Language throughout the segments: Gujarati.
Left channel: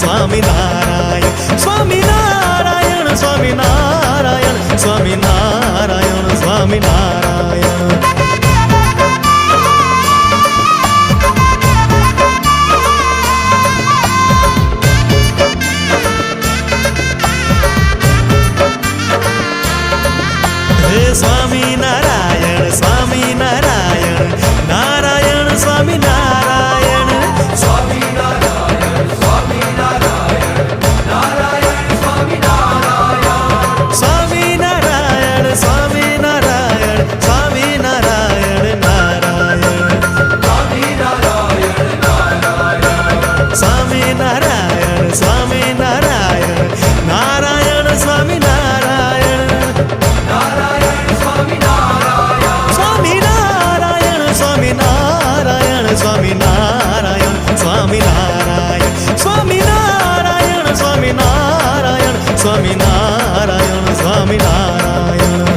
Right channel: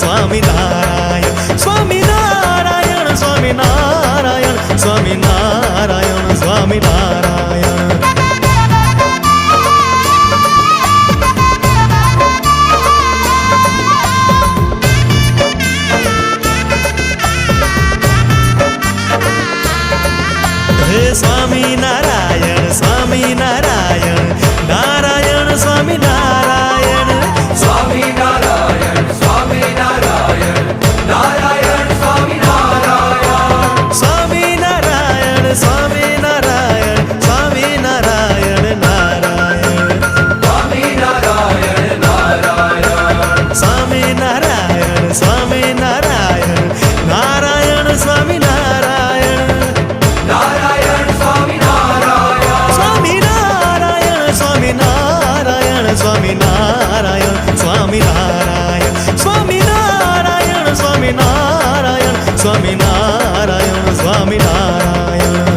સ્વામિનારાયણ સ્વામિનારાયણ સ્વામિનારાયણ સ્વામિનારાયણ સ્વામિનારાયણ હે સ્વામિનારાયણ સ્વામિનારાયણ નારાયણ સ્વામિનારાયણ સ્વામિનારાયણ સ્વામિનારાયણ નારાયણ સ્વામિનારાયણ સ્વામિનારાયણ સ્વામિનારાયણ સ્વામિનારાયણ નારાયણ સ્વામિનારાયણ સ્વામિનારાયણ નારાયણ સ્વામિનારાયણ નારાયણ સ્વામિનારાયણ નારાયણ સ્વામિનારાયણ સ્વામિનારાયણ સ્વામિનારાયણ સ્વામિનારાયણ સ્વામિનારાયણ સ્વામિનારાયણ સ્વામિનારાયણ સ્વામિનારાયણ સ્વામિનારાયણ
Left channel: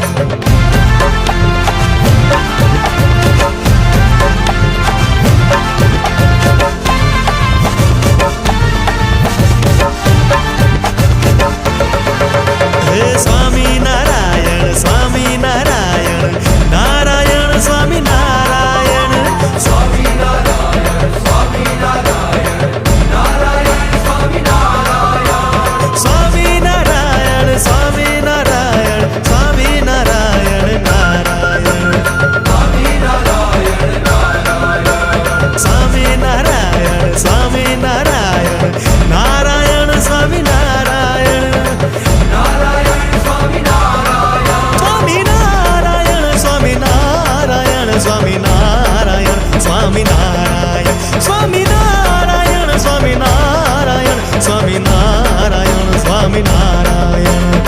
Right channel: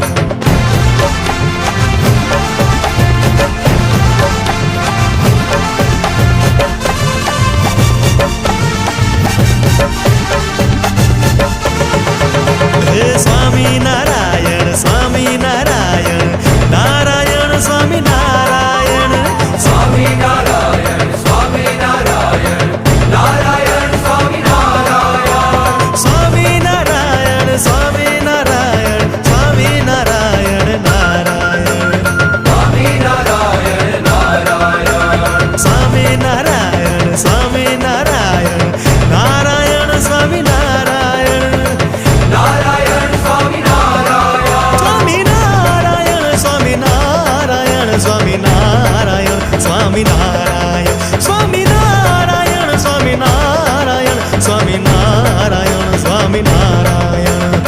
હે સ્વામિનારાયણ સ્વામિનારાયણ નારાયણ સ્વામિનારાયણ સ્વામિનારાયણ સ્વામિનારાયણ નારાયણ સ્વામિનારાયણ સ્વામિનારાયણ સ્વામિનારાયણ સ્વામિનારાયણ નારાયણ સ્વામિનારાયણ સ્વામિનારાયણ નારાયણ સ્વામિનારાયણ નારાયણ સ્વામિનારાયણ નારાયણ સ્વામિનારાયણ સ્વામિનારાયણ સ્વામિનારાયણ સ્વામિનારાયણ સ્વામિનારાયણ સ્વામિનારાયણ સ્વામિનારાયણ સ્વામિનારાયણ સ્વામિનારાયણ